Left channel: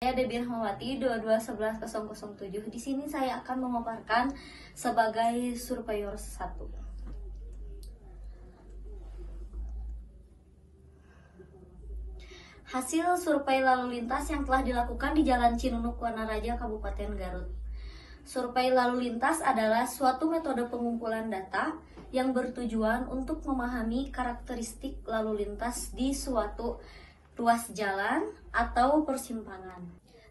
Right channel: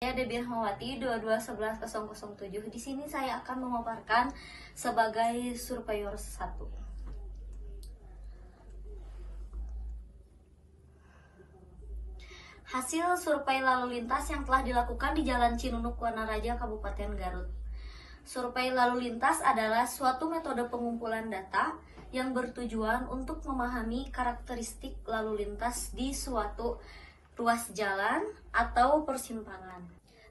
Saya Debbie Rahmawati 2211007. Di sini saya akan memaparkan sebagai surveyor 1. Hasil survei lalu lintas yang telah dilakukan di Jalan Cinunuk, Wanaraja, Kabupaten Garut. Survei lalu lintas adalah suatu metode pengumpulan data yang bertujuan untuk memahami karakteristik lalu lintas di suatu ruas jalan atau persimpangan.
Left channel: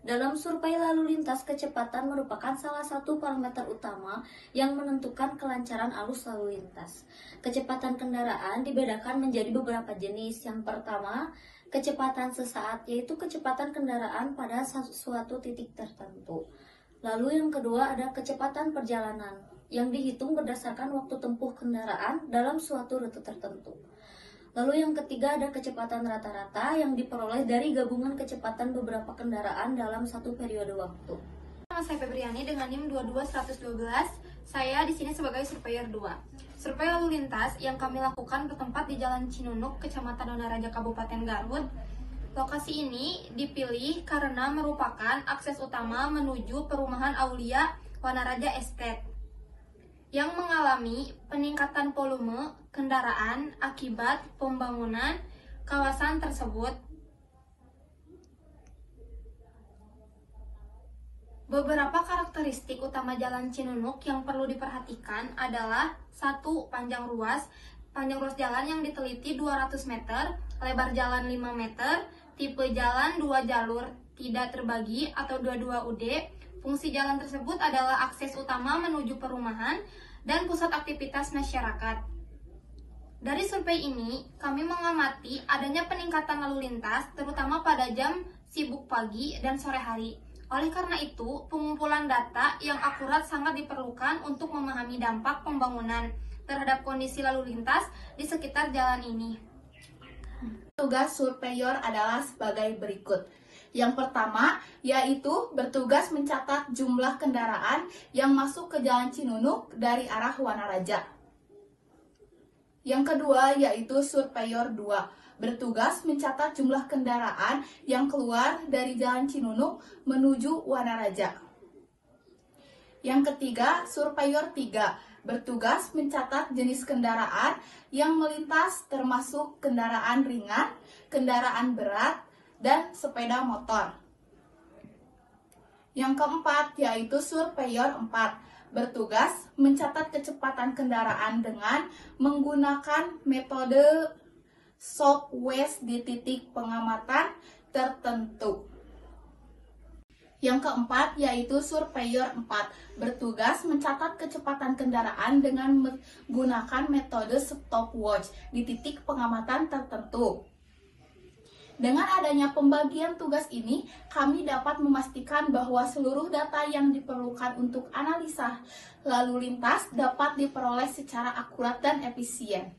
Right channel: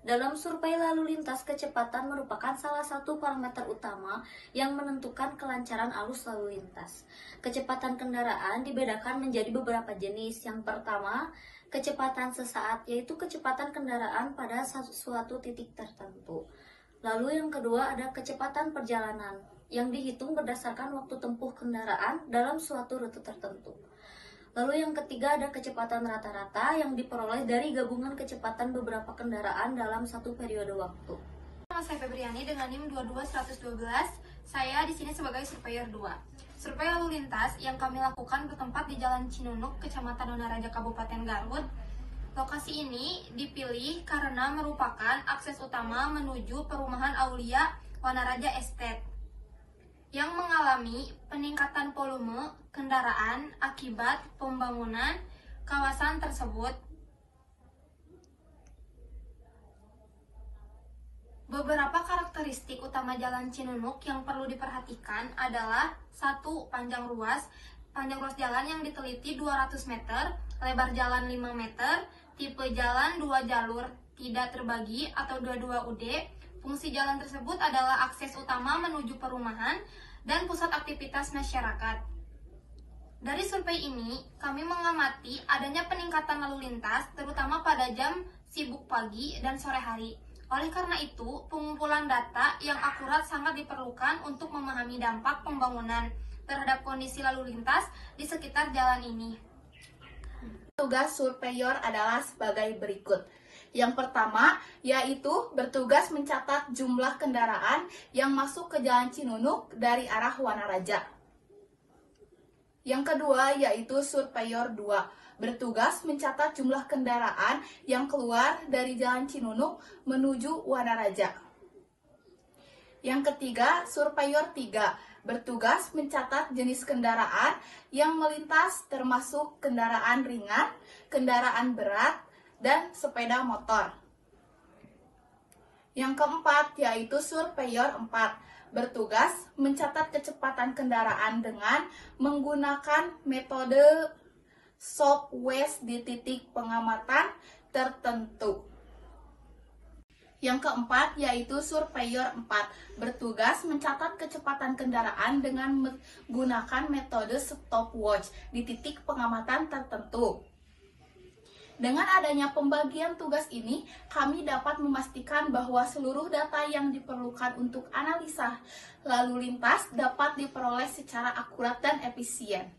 Dalam survei lalu lintas, kecepatan merupakan salah satu parameter utama yang menentukan kelancaran arus lalu lintas. Kecepatan kendaraan dibedakan menjadi beberapa jenis. Yang pertama, kecepatan sesaat, yaitu kecepatan kendaraan pada suatu titik tertentu. Lalu yang kedua ada kecepatan perjalanan, yang dihitung berdasarkan waktu tempuh kendaraan dalam suatu rute tertentu. Lalu yang ketiga ada kecepatan rata-rata yang diperoleh dari gabungan kecepatan beberapa kendaraan dalam satu periode waktu. Nama saya Febriani dengan NIM 22112. Saya di sini sebagai surveyor 2. Survei lalu lintas yang kami lakukan bertempat di Jalan Cinunuk, Kecamatan Wanaraja, Kabupaten Garut. Lokasi ini dipilih karena merupakan akses utama menuju perumahan Aulia Wanaraja Estate yang mengalami peningkatan volume kendaraan akibat pembangunan kawasan tersebut. Beberapa karakteristik utama Jalan Cinunuk yang perlu diperhatikan adalah 1. Panjang ruas jalan yang diteliti 200 meter, lebar jalan 5 meter, tipe jalan 2 jalur, tidak terbagi atau 22 UD. Fungsi jalan tersebut adalah akses utama menuju perumahan dan pusat aktivitas masyarakat. Dari survei ini, kami mengamati adanya peningkatan lalu lintas, terutama pada jam sibuk pagi dan sore hari. Oleh karena itu, pengumpulan data yang akurat sangat diperlukan untuk memahami dampak pembangunan terhadap kondisi lalu lintas di sekitar jalan ini. Tugas surveyor adalah sebagai berikut. Yang pertama, yaitu bertugas mencatat jumlah kendaraan yang masuk ke Jalan Cinunuk dari arah Wanaraja. Yang kedua, yaitu surveyor 2, bertugas mencatat jumlah kendaraan yang keluar dari Jalan Cinunuk menuju Wanaraja. Yang ketiga, surveyor 3, bertugas mencatat jenis kendaraan yang melintas termasuk kendaraan ringan, kendaraan berat, dan sepeda motor. Yang keempat, yaitu surveyor 4, bertugas mencatat kecepatan kendaraan dengan menggunakan metode southwest di titik pengamatan tertentu. Yang keempat, yaitu surveyor 4, bertugas mencatat kecepatan kendaraan dengan menggunakan metode stopwatch di titik pengamatan tertentu. Dengan adanya pembagian tugas ini, kami dapat memastikan bahwa seluruh data yang diperlukan untuk analisa lalu lintas dapat diperoleh secara akurat dan efisien.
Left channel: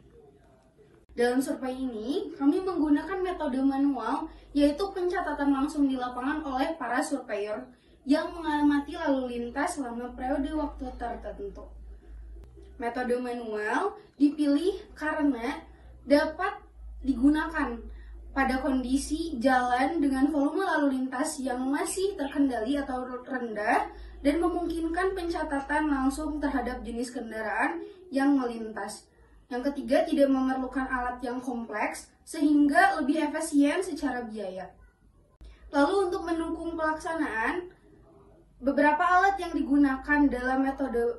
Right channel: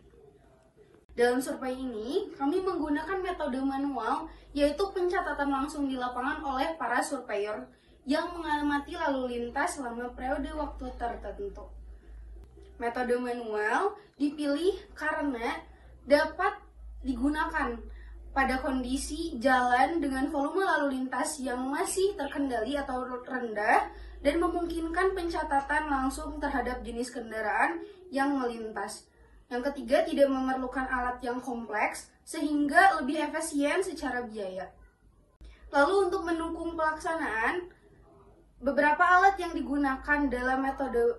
Dalam survei ini, kami menggunakan metode manual, yaitu pencatatan langsung di lapangan oleh para surveyor yang mengamati lalu lintas selama periode waktu tertentu. Metode manual dipilih karena dapat digunakan pada kondisi jalan dengan volume lalu lintas yang masih terkendali atau rendah dan memungkinkan pencatatan langsung terhadap jenis kendaraan yang melintas. Yang ketiga, tidak memerlukan alat yang kompleks sehingga lebih efisien secara biaya. Lalu untuk mendukung pelaksanaan, beberapa alat yang digunakan dalam metode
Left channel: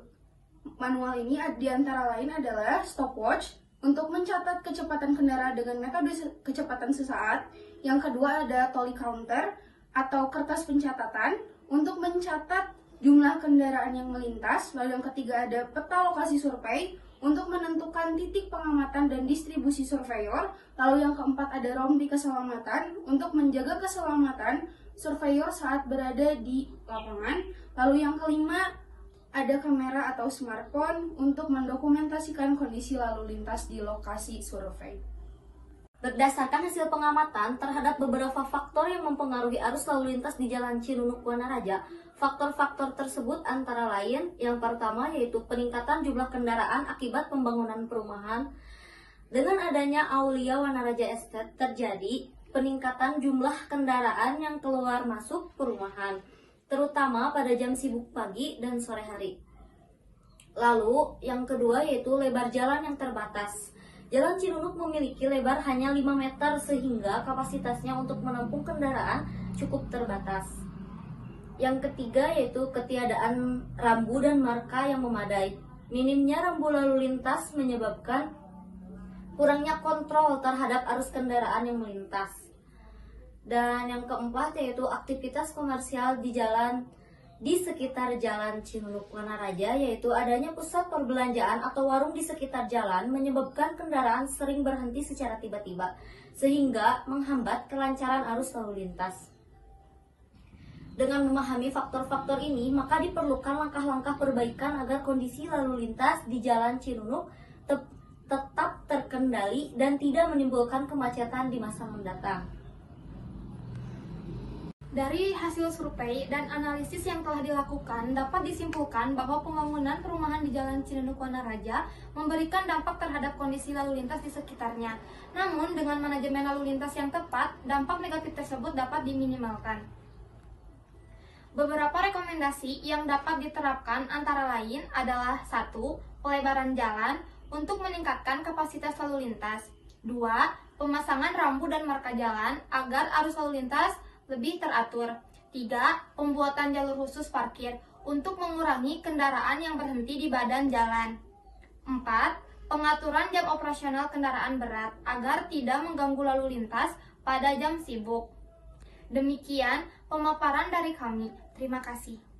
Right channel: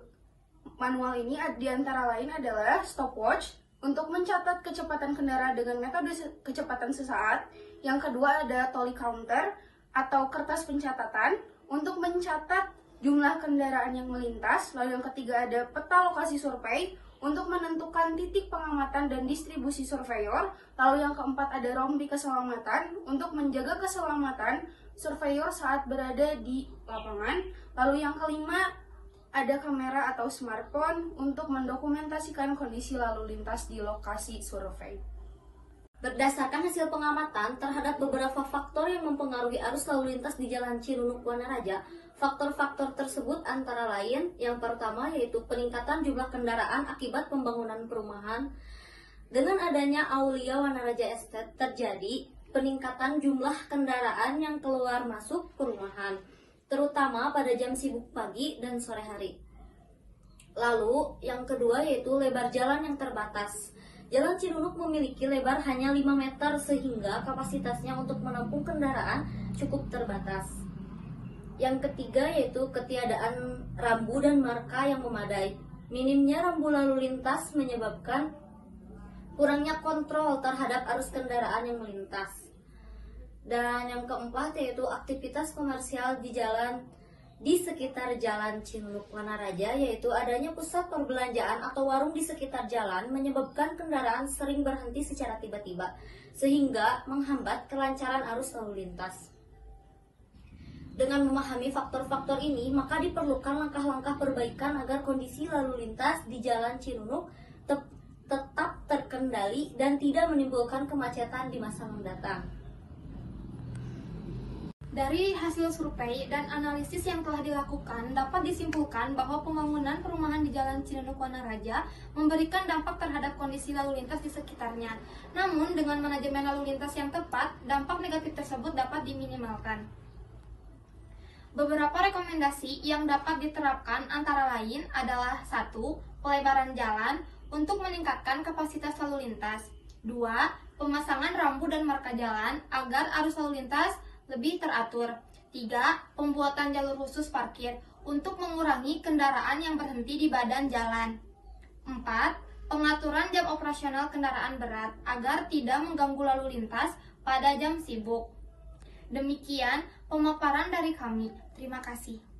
manual ini antara lain adalah stopwatch untuk mencatat kecepatan kendaraan dengan metode kecepatan sesaat. Yang kedua ada tally counter atau kertas pencatatan untuk mencatat jumlah kendaraan yang melintas. Lalu yang ketiga ada peta lokasi survei untuk menentukan titik pengamatan dan distribusi surveyor. Lalu yang keempat ada rompi keselamatan untuk menjaga keselamatan surveyor saat berada di lapangan. Lalu yang kelima ada kamera atau smartphone untuk mendokumentasikan kondisi lalu lintas di lokasi survei. Berdasarkan hasil pengamatan terhadap beberapa faktor yang mempengaruhi arus lalu lintas di Jalan Cinunuk, Wanaraja, faktor-faktor tersebut antara lain yang pertama yaitu peningkatan jumlah kendaraan akibat pembangunan perumahan. Dengan adanya Aulia Wanaraja Estate terjadi peningkatan jumlah kendaraan yang keluar masuk perumahan, terutama pada jam sibuk pagi dan sore hari. Lalu, yang kedua yaitu lebar jalan yang terbatas. Jalan Cinunuk memiliki lebar hanya 5 meter sehingga kapasitasnya untuk menampung kendaraan cukup terbatas. Yang ketiga yaitu ketiadaan rambu dan marka yang memadai. Minimnya rambu lalu lintas menyebabkan kurangnya kontrol terhadap arus kendaraan yang melintas. Dan yang keempat yaitu aktivitas komersial di sekitar Jalan Cinunuk Wanaraja, yaitu adanya pusat perbelanjaan atau warung di sekitar jalan menyebabkan kendaraan sering berhenti secara tiba-tiba sehingga menghambat kelancaran arus lalu lintas. Dengan memahami faktor-faktor ini, maka diperlukan langkah-langkah perbaikan agar kondisi lalu lintas di Jalan Cinunuk tetap terkendali dan tidak menimbulkan kemacetan di masa mendatang. Dari hasil survei dan analisis yang telah dilakukan, dapat disimpulkan bahwa pembangunan perumahan di Jalan Cinunuk Wanaraja memberikan dampak terhadap kondisi lalu lintas di sekitarnya. Namun, dengan manajemen lalu lintas yang tepat, dampak negatif tersebut dapat diminimalkan. Beberapa rekomendasi yang dapat diterapkan antara lain adalah 1. Pelebaran jalan untuk meningkatkan kapasitas lalu lintas. 2. Pemasangan rambu dan marka jalan agar arus lalu lintas lebih teratur. 3. Pembuatan jalur khusus parkir untuk mengurangi kendaraan yang berhenti di badan jalan. 4. Pengaturan jam operasional kendaraan berat agar tidak mengganggu lalu lintas pada jam sibuk. Demikian pemaparan dari kami. Terima kasih.